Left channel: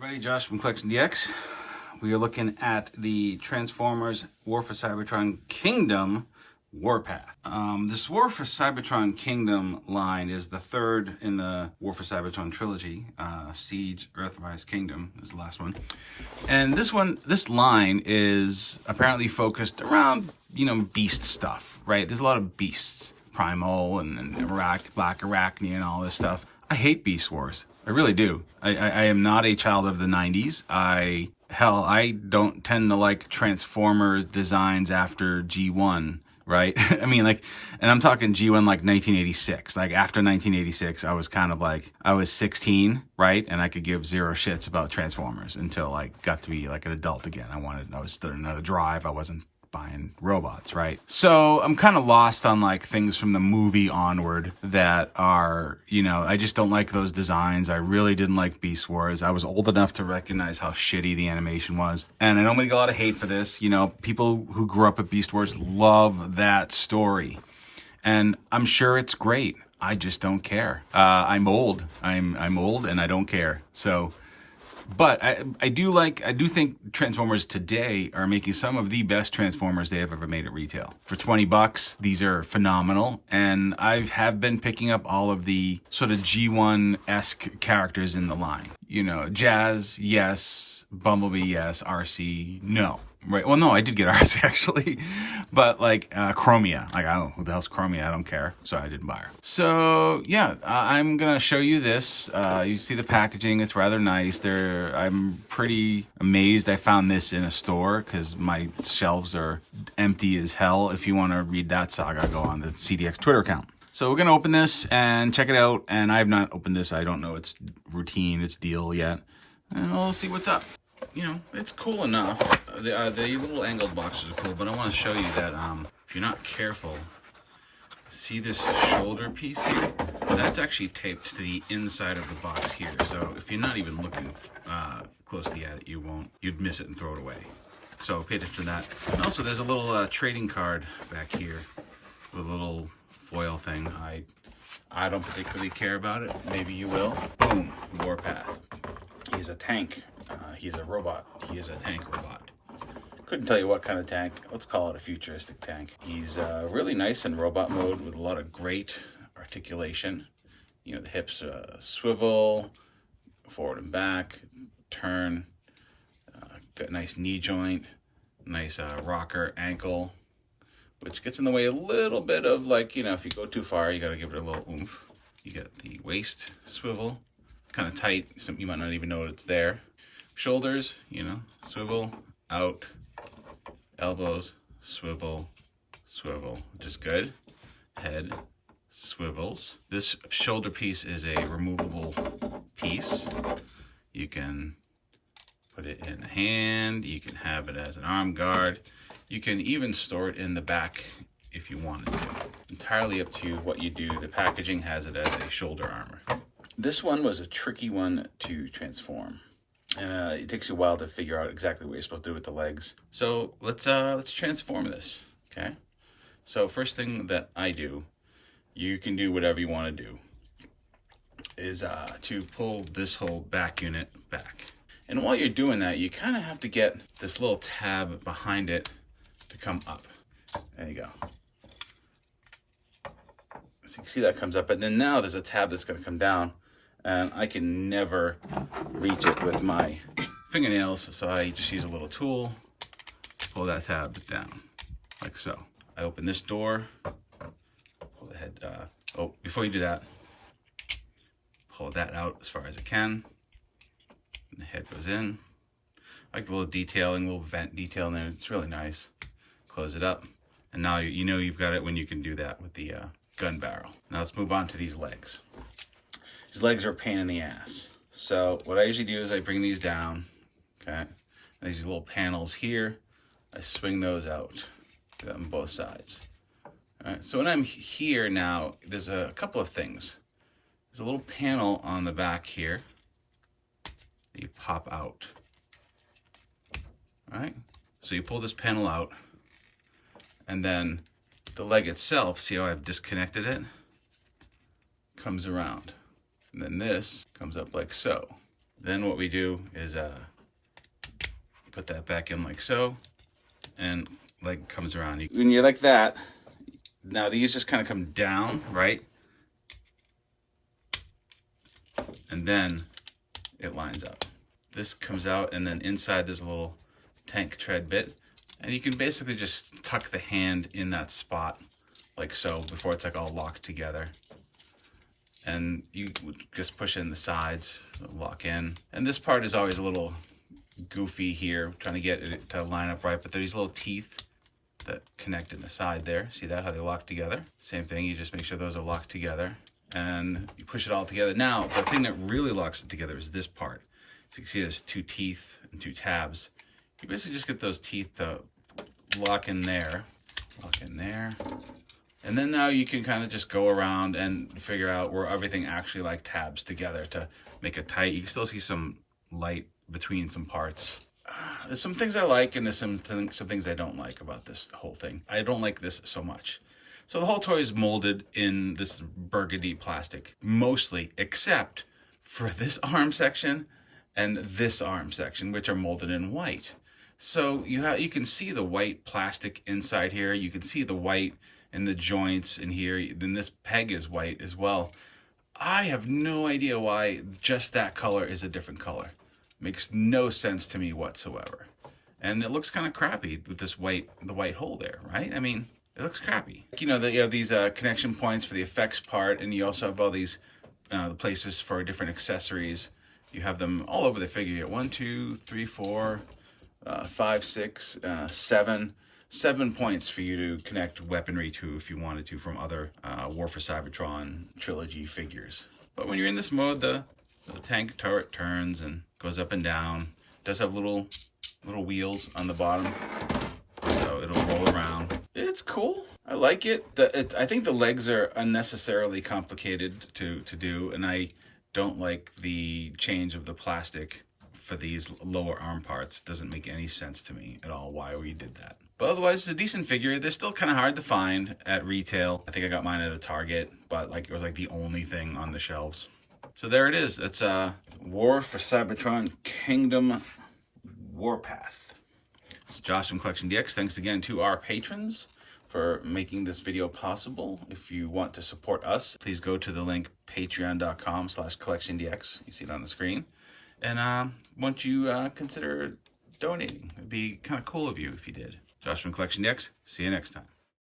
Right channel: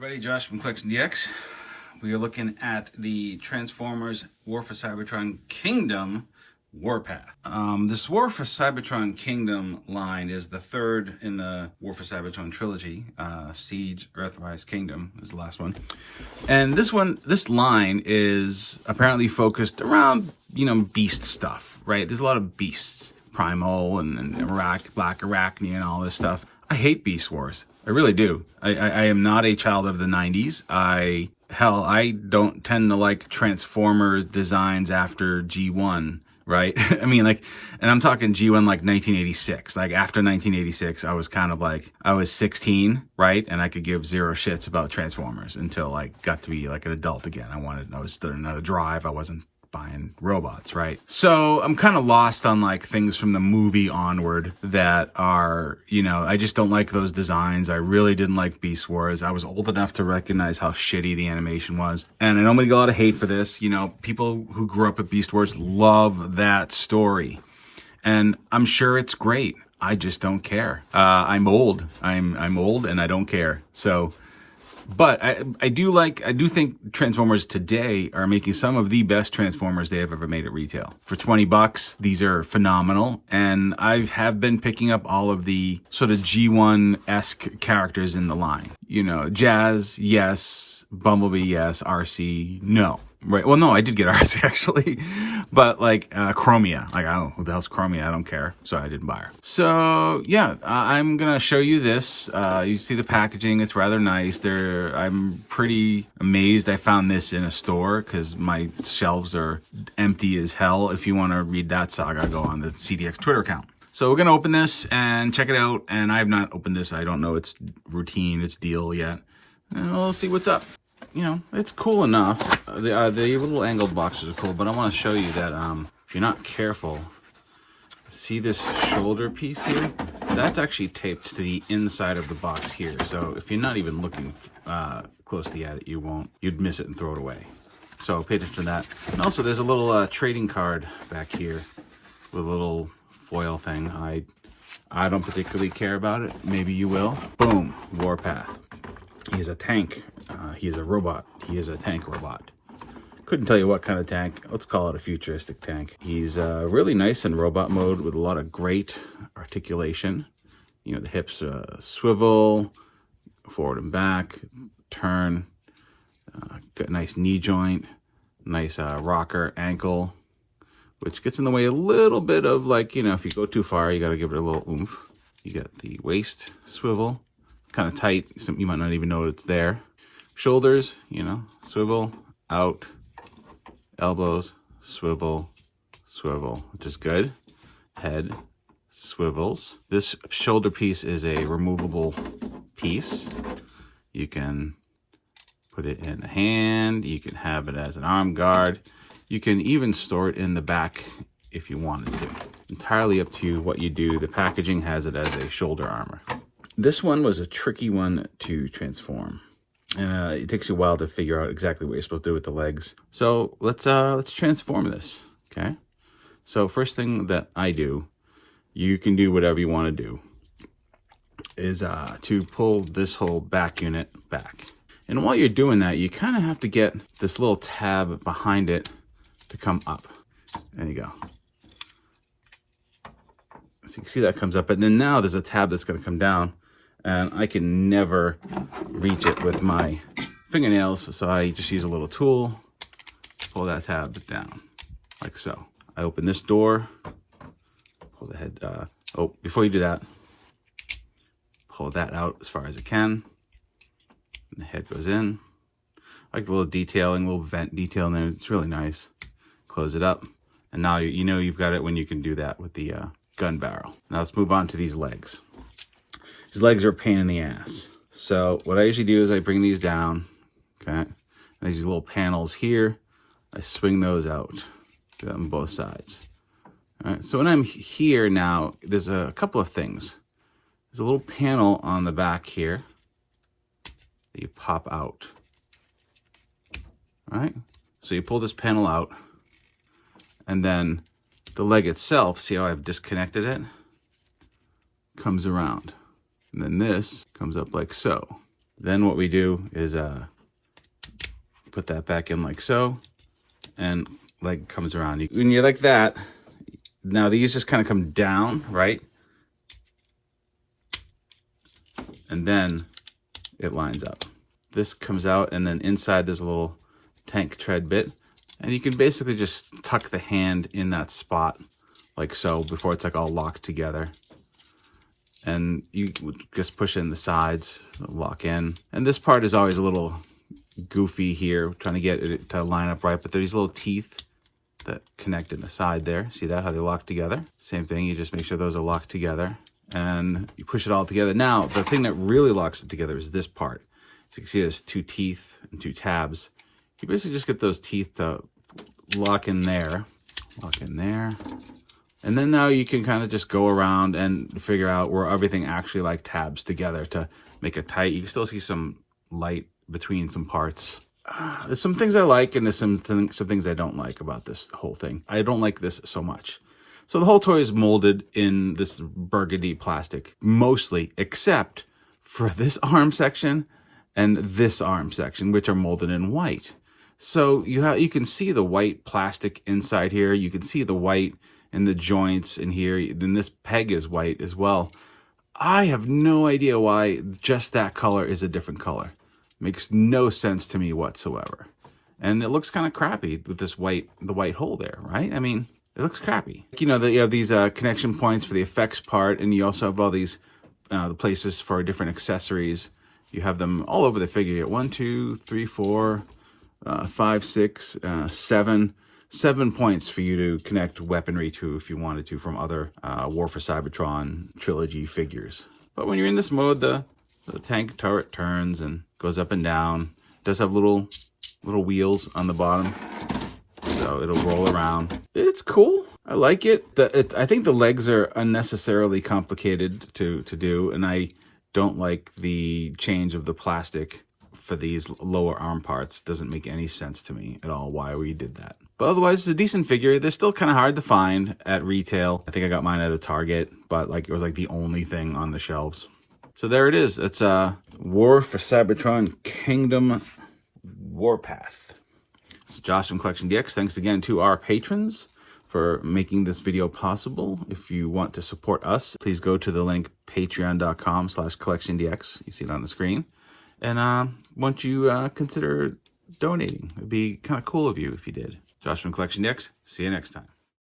Everybody, Josh from CollectionDX. We are looking at the Transformers War for Cybertron Kingdom Warpath. This War for Cybertron Kingdom line is the third in the War for Cybertron trilogy. Siege, Earthrise, Kingdom is the last one. And this line is apparently focused around, beast stuff, right? There's a lot of beasts. Primal and Black Arachne and all this stuff. I hate Beast Wars. I really do. I am not a child of the 90s. I don't tend to like Transformers designs after G1, right? I mean, and I'm talking G1 like 1986. Like after 1986, I was kind of like, I was 16, right? And I could give zero shits about Transformers until I got to be like an adult again. I was starting to drive. I wasn't buying robots, right? So I'm kind of lost on like things from the movie onward that are, I just don't like those designs. I really didn't like Beast Wars. I was old enough to recognize how shitty the animation was. And I know I'm gonna get a lot of hate for this. People who grew up with Beast Wars love that story. And I'm sure it's great. I just don't care. I'm old. I'm old and I don't care. So, but I do think Transformers today are making some of the best Transformers they have ever made at retail. For $20, these are phenomenal. And I have been picking up all of the sort of G1-esque characters in the line. Jazz, yes. Bumblebee, yes. RC, no. Right. Well, no, I did get RC actually, but like Chromia, like I don't know who the hell's Chromia. I don't care, so I didn't buy her. So yeah, I'm gonna show you this. You see the packaging; it's rather nice. I'm pretty amazed I found this in a store because my shelves are empty as hell. If you want to read that saga, go on the CDX Twitter account. So we're gonna open this and check it out. And I have not opened this. I don't know its routine, its deal yet, and we'll see what's up. It's cool enough. The little angled boxes are cool, but I want to show you that if you're not careful, see this shoulder piece here? That's actually taped to the inside of the box here. So if you're not even looking closely at it, you'd miss it and throw it away. So pay attention to that. And also there's a little trading card back here with a little foil thing. I don't particularly care about it. Maybe you will. Boom, Warpath. He's a tank. He's a robot. He is a tank robot. Couldn't tell you what kind of tank. Let's call it a futuristic tank. He's really nice in robot mode with a lot of great articulation. The hips swivel, forward and back, turn, got a nice knee joint, nice rocker ankle, which gets in the way a little bit of if you go too far, you got to give it a little oomph. You got the waist swivel, kind of tight, so you might not even know it's there. Shoulders, swivel, out, elbows, swivel, swivel, which is good. Head swivels. This shoulder piece is a removable piece. You can put it in a hand. You can have it as an arm guard. You can even store it in the back if you wanted to. Entirely up to what you do. The packaging has it as a shoulder armor. This one was a tricky one to transform. It takes you a while to figure out exactly what you're supposed to do with the legs. So let's transform this, okay? So first thing that I do, you can do whatever you want to do, is to pull this whole back unit back. And while you're doing that, you kind of have to get this little tab behind it to come up. There you go. So you can see that comes up, and then now there's a tab that's going to come down. And I can never reach it with my fingernails, so I just use a little tool, pull that tab down, like so. I open this door, pull the head, before you do that, pull that out as far as I can, and the head goes in. I like the little detailing, little vent detail in there, it's really nice. Close it up, and now you've got it when you can do that with the gun barrel. Now let's move on to these legs. These legs are a pain in the ass. So what I usually do is I bring these down, okay? There's these little panels here. I swing those out on both sides. All right, so when I'm here now, there's a couple of things. There's a little panel on the back here that you pop out. All right, so you pull this panel out, and then the leg itself, see how I've disconnected it? Comes around. And then this comes up like so. Then what we do is put that back in like so, and leg comes around. When you like that, now these just kind of come down, right? And then it lines up. This comes out, and then inside there's a little tank tread bit, and you can basically just tuck the hand in that spot like so before it's like all locked together. And you just push in the sides, lock in. And this part is always a little goofy here, trying to get it to line up right, but there's these little teeth that connect in the side there. See that, how they lock together? Same thing, you just make sure those are locked together, and you push it all together. Now, the thing that really locks it together is this part. So you can see there's 2 teeth and 2 tabs. You basically just get those teeth to lock in there, and then now you can kind of just go around and figure out where everything actually like tabs together to make it tight. You can still see some light between some parts. There's some things I like, and there's some things I don't like about this whole thing. I don't like this so much. So the whole toy is molded in this burgundy plastic, mostly, except for this arm section and this arm section, which are molded in white. So you can see the white plastic inside here. You can see the white in the joints in here. Then this peg is white as well. I have no idea why just that color is a different color. Makes no sense to me whatsoever. And it looks kind of crappy with this the white hole there, right? I mean, it looks crappy. You know, you have these connection points for the effects part, and you also have all these the places for different accessories. You have them all over the figure. 1, 2, 3, 4, 5, 6, 7. 7 points for you to connect weaponry to if you wanted to from other War for Cybertron trilogy figures. But when you're in this mode, the tank turret turns and goes up and down. It does have little wheels on the bottom, so it'll roll around. It's cool. I like it. I think the legs are unnecessarily complicated to do, and I don't like the change of the plastic for these lower arm parts. Doesn't make any sense to me at all why we did that. But otherwise, it's a decent figure. They're still kind of hard to find at retail. I think I got mine at a Target, but like it was like the only thing on the shelves. So there it is. It's War for Cybertron Kingdom Warpath. It's Josh from CollectionDX. Thanks again to our patrons for making this video possible. If you want to support us, please go to the link patreon.com/CollectionDX. You see it on the screen. And once you consider donating, it'd be kind of cool of you if you did. Josh from CollectionDX. See you next time.